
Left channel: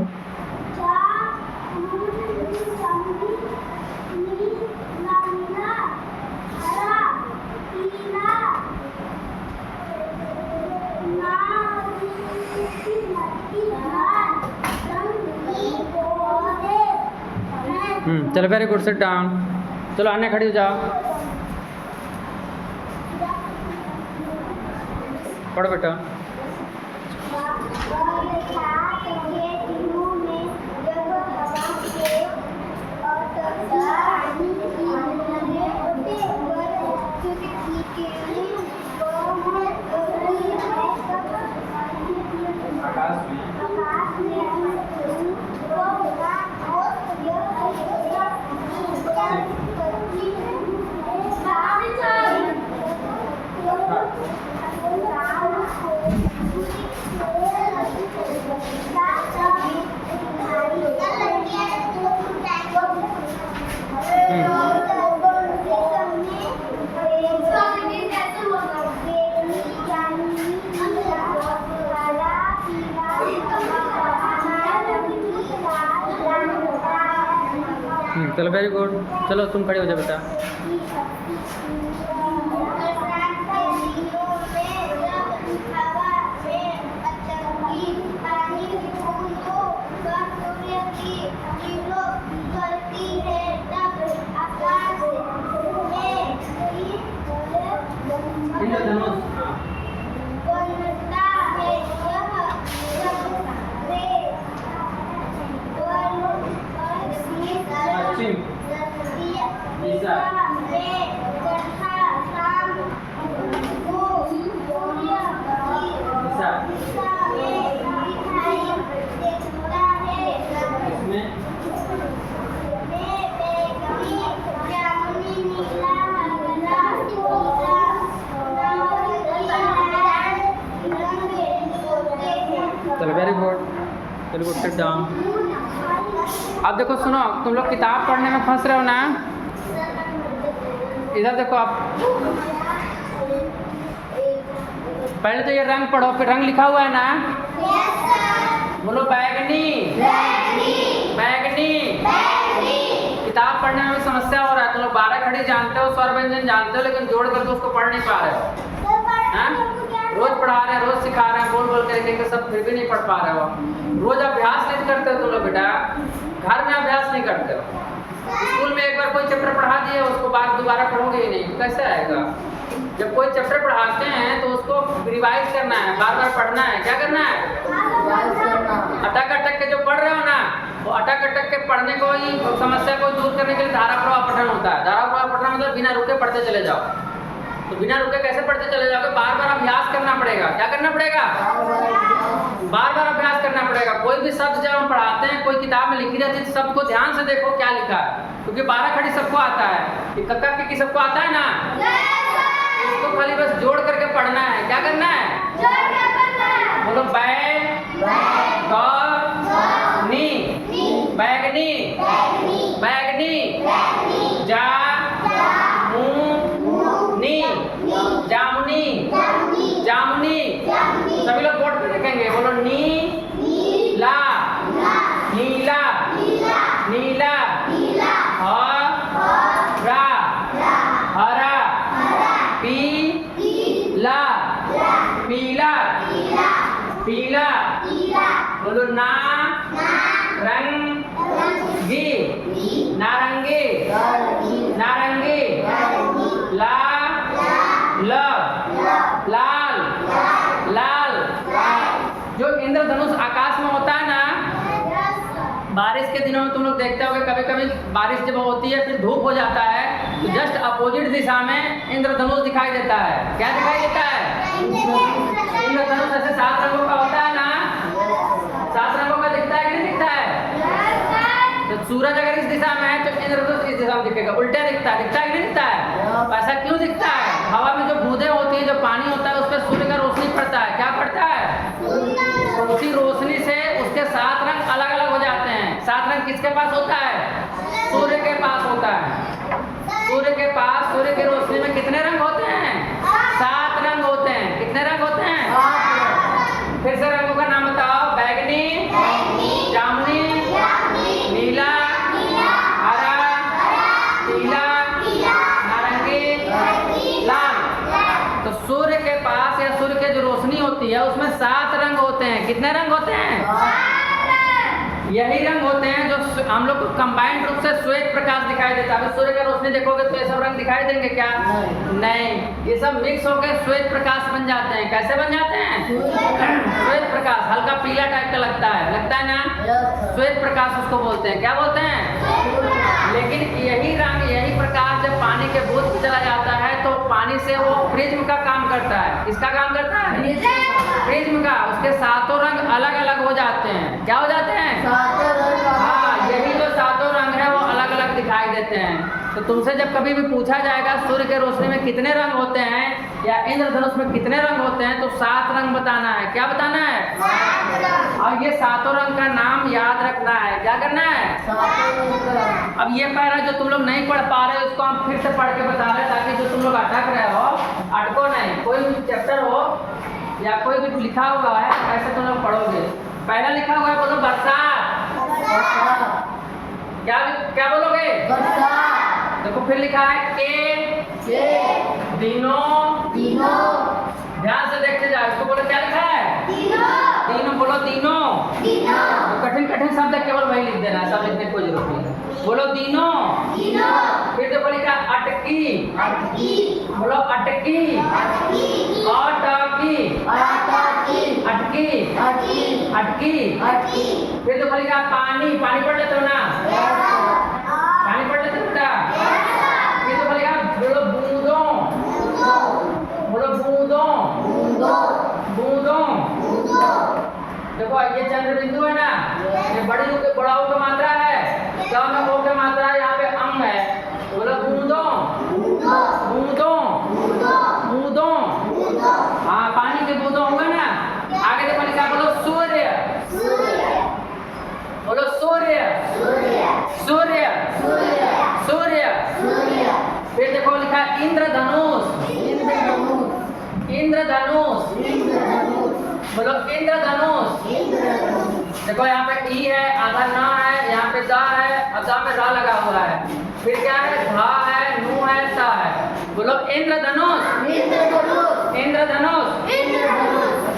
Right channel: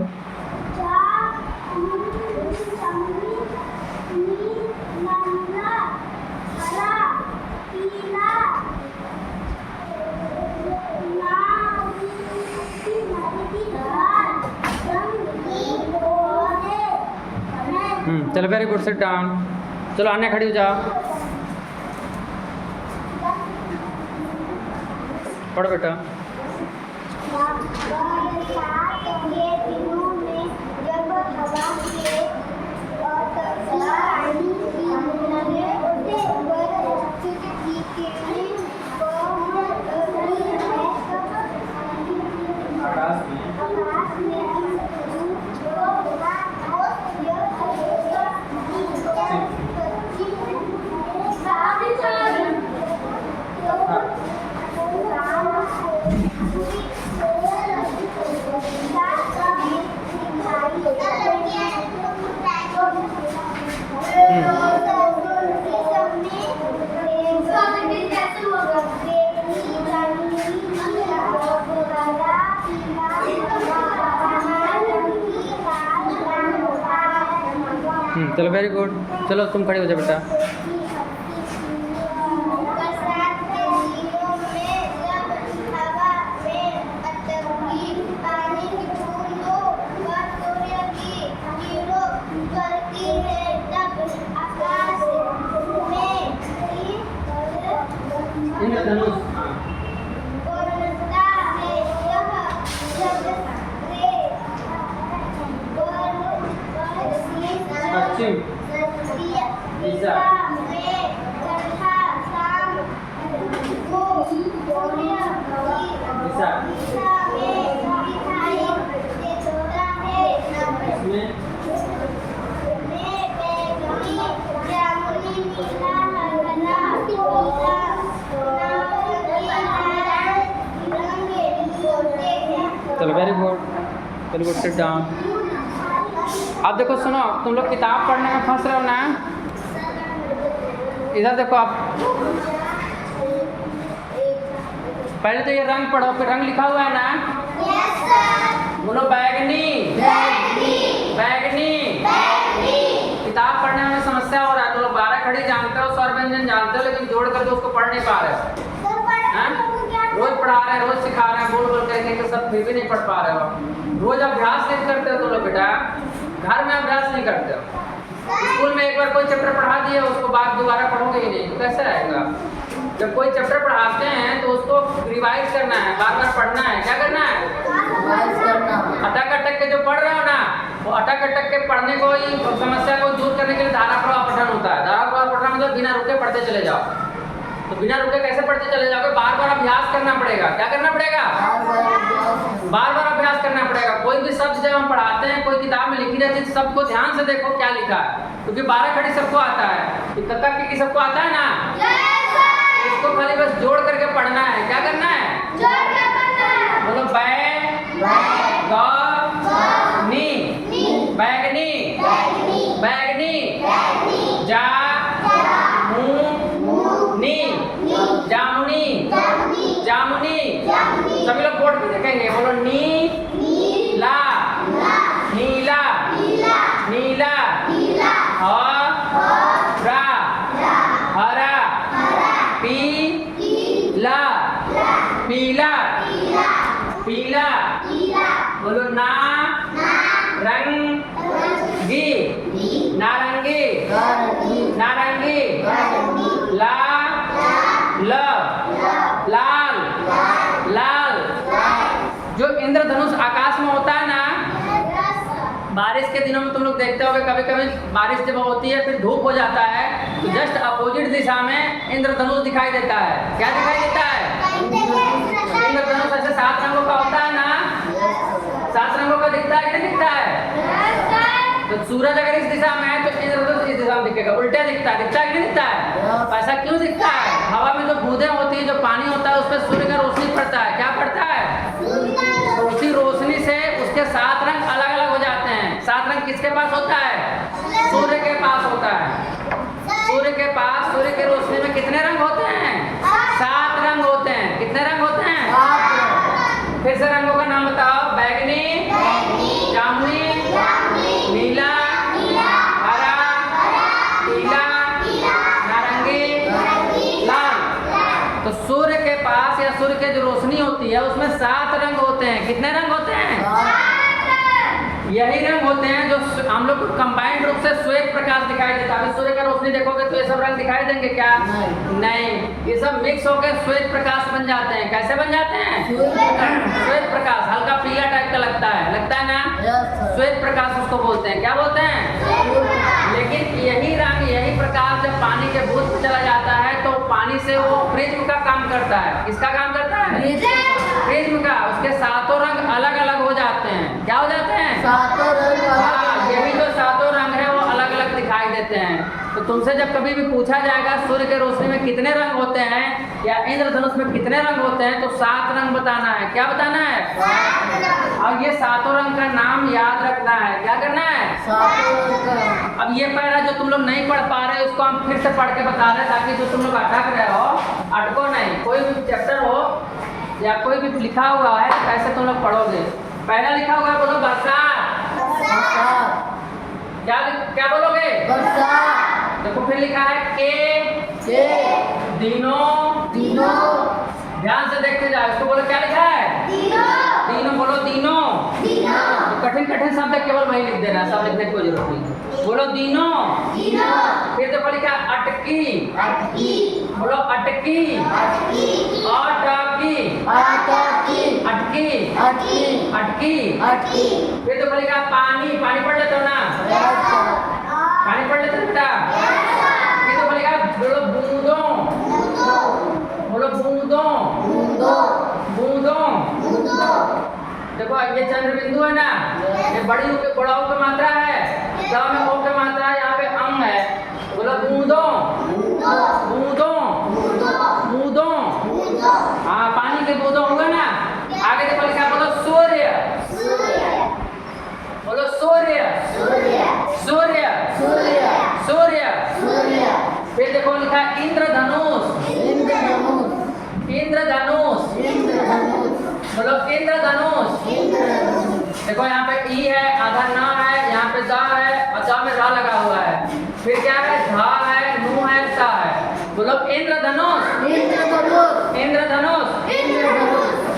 चलो वेरी गुड, सिट डाउन। चलो अन्य खड़ी हो जाओ, पढ़ो बेटा। ये दिनों में जब हवा के और पानी की चलो वेरी गुड। चलो तुम खड़ी हो जाओ बेटा। चलो very good, very good, sit down. अब देखो सुनो, तुम लोग किताब पढ़ने में फंस रहे हो ना। इधर देखो आप, पहले तो ये रंग पढ़ो, फिर रंग लिखा हुआ है ना। बोलो बैगनी, बैगनी। किताब पढ़ने में समस्या हो रहा है। तुम लोग 12 खड़ी जानते हो, स्वर व्यंजन जानते हो, लेकिन जोड़ करके उसको पढ़ नहीं पा रहे हो। रोज पढ़ा रहे हैं, रोज सिखा रहे हैं, बोल बोल करके के सब फिर भी नहीं पढ़ पा रहे हो। रोज अभ्यास नहीं करते तुम लोग बेटा, घर में अभ्यास नहीं करते हो। स्कूल में एक बार कोई चैप्टर पढ़ा दिए, उसको बाद दोबारा पढ़ोगे ही नहीं, तो कैसे आएगा। जब कोई चैप्टर पढ़ाते हैं तो उसको रिवाइज करना है, बार बार पढ़ना है। क्या करना है? अटक अटक के जो पढ़ रहे हो ना, वो अटक अटक के पढ़ने को ही, समस्या को दूर करने के लिए धारा प्रवाह पठन होता है। धारा प्रवाह पठन मतलब बिना रुके पढ़ते चले जाओ। तो बिना रुके कैसे पढ़ते चले जाओगे? बार बार अभ्यास करना पड़ेगा। क्या करना पड़ेगा? बार बार अभ्यास करना पड़ेगा। कोई भी शब्द जब हम पढ़ाते हैं, कोई किताब में लिखी रहती है, शब्द को ध्यान से देखो क्या लिखा है, क्योंकि 12 खड़ी सबको आता है, कक्का की सबको आता है ना। इसको खाली बस जोड़ करके पढ़ना है। क्या करना है? बोलो बैग, नी, बैगनी, बैगनी, जा, नी, जामुनी, जामुनी। सभी लोग बोर्ड पे देखेंगे। बोलो नी, ला, नीला, नीला, हरा, हरा, पीला, पीला, पीला। बोलो ना, रंगी, नारंगी, नारंगी, ला, लाल, लाल। जो इंद्रधनुष आकाश में होता है ना, बारिश के दिनों में तुम लोग देखते होगे, कभी कभी बारिश जब होती है फिर धूप हो जाता है, तो जस्ट अपोजिट दिशा में इंद्रधनुष दिखाई देता है। क्या दिखाई देता है? इंद्रधनुष ऐसे 7 रंगों का होता है ना, 7 रंगों का दिखता है कि नहीं दिखता है? तो सूरज अगर इस दिशा में है तो इंद्रधनुष इस दिशा में दिखेगा, उल्टा दिखता है। दिखता है कि नहीं दिखता है? ऐसा क्यों दिखता है? हवा में जो बूंदें होती है, जो पानी होता है, उस पर सूर्य का रोशनी पड़ता है। क्या पड़ता है? तो उसी रोशनी से उस उसके 7 रंग अलग अलग हो जाते हैं। 7 रंग किसके पास होता है? सूर्य के पास होता है। सूर्य के पास सूर्य की रोशनी में कितने रंग होते हैं? 7 रंग होते हैं। कितने रंग होते हैं? फिर से रंगों का नाम बताओ। बैगनी, जामुनी, नीला, हरा, पीला, नारंगी, लाल। तो सूर्य के पास या सूर्य की जो रोशनी होती है उसमें 7 रंग होते हैं। कितने रंग होते हैं? यही रंग होते हैं जो हम लोग को कंबाइंड रूप से श्वेत प्रकाश दिखाई देता है। अभी सूर्य की रोशनी देखोगे तो ये सब रंग दिखाई देंगे क्या? नहीं, ये सब मिक्स होकर श्वेत प्रकाश बन जाते हैं। कैसे बन जाते हैं? श्वेत प्रकाश। हल्का पीला टाइप का लगता है ना? श्वेत प्रकाश उसको बोलते हैं। क्या बोलते हैं? लेकिन यही रंग, यही प्रकाश जब पानी के बूंद में चला जाता है तो पानी से वो प्रिज्म का काम करता है। किसका काम करता है? प्रिज्म का। उसके 7 रंग अलग अलग हो जाते हैं। क्या हो जाते हैं? हाँ, यही जो 7 रंग है वो अलग अलग दिखाई देते हैं। तो तुमसे जब कभी भी पूछा जाएगा सूर्य की रोशनी में कितने रंग होते हैं या इंद्रधनुष में कितने रंग होते हैं तो 7 रंग बताना है। क्या बताना है? और ये 7 रंग का नाम याद रखना है। क्या करना है? अब ये पहला जो तुम लोग नहीं पढ़ पा रहे उसको हम फिर से पढ़ के बता रहे हैं ताकि जो तुम लोग अटक रहे हो, अटको नहीं। कोई भी चैप्टर हो या कोई भी लिखा हुआ है तो कैसे तुम लोग पढ़ोगे। पहला लिखा हुआ है, बोलो बरसात। क्या क्या बोलोगे? देखो फिर लिखा है के दिनों। ध्यान से देखते जाओ। इसको बोलो क्या लिखा है? दिनों। बोलो दिनों। तो कठिन कठिन शब्द केवल वही लिख देना, सब लिखने की कोई जरूरत नहीं। बोलो दिनों। फिर देखो लिखा अटकी। बोलो अटकी। अटकी। फिर देखो लिखा पानी। पानी पढ़ लेते हो ना? पानी पढ़ लेते हो बेटा? फिर देखो लिखा बोलो बूंदों। बोलो बूंदों। देखो ये चंद्र बिंदु है ना, ये बड़ाऊ की मात्रा है, तब में ओ की मात्रा है, यहाँ पे अम है। बोलो बूंदों। हाँ, पानी के बूंदों हुए ना। आगे देखो लिखा, बोलो सूर्य। बोलो सूर्य। फिर देखो लिखा इंद्रधनुष। बोलो इंद्रधनुष। देखो यहाँ पे ई है, आधा न है, यहाँ पे दा है और दा में रा लगा हुआ है। फिर क्या है? धा है, नू है, सा है। बोलो इंद्रधनुष।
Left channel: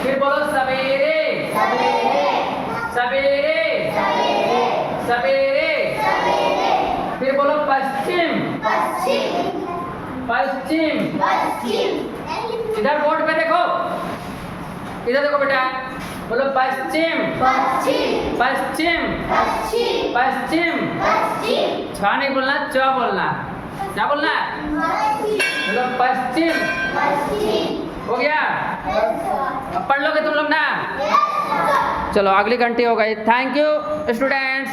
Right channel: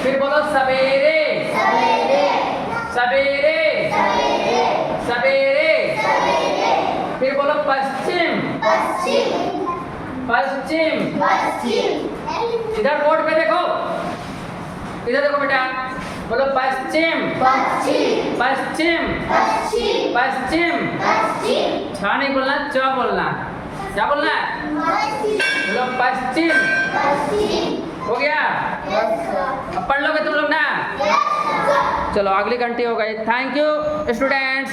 फिर बोलो सवेरे। फिर बोलो पश्चिम। इधर बोर्ड पे देखो, इधर देखो बेटा। बोलो पश्चिम। छा नहीं बोलना, च बोलना। क्या बोलना? बोलो पश्चिम। हो गया? अब पढ़ लोगे तुम लोग ना? चलो अगली घंटी हो गई। Thank you students.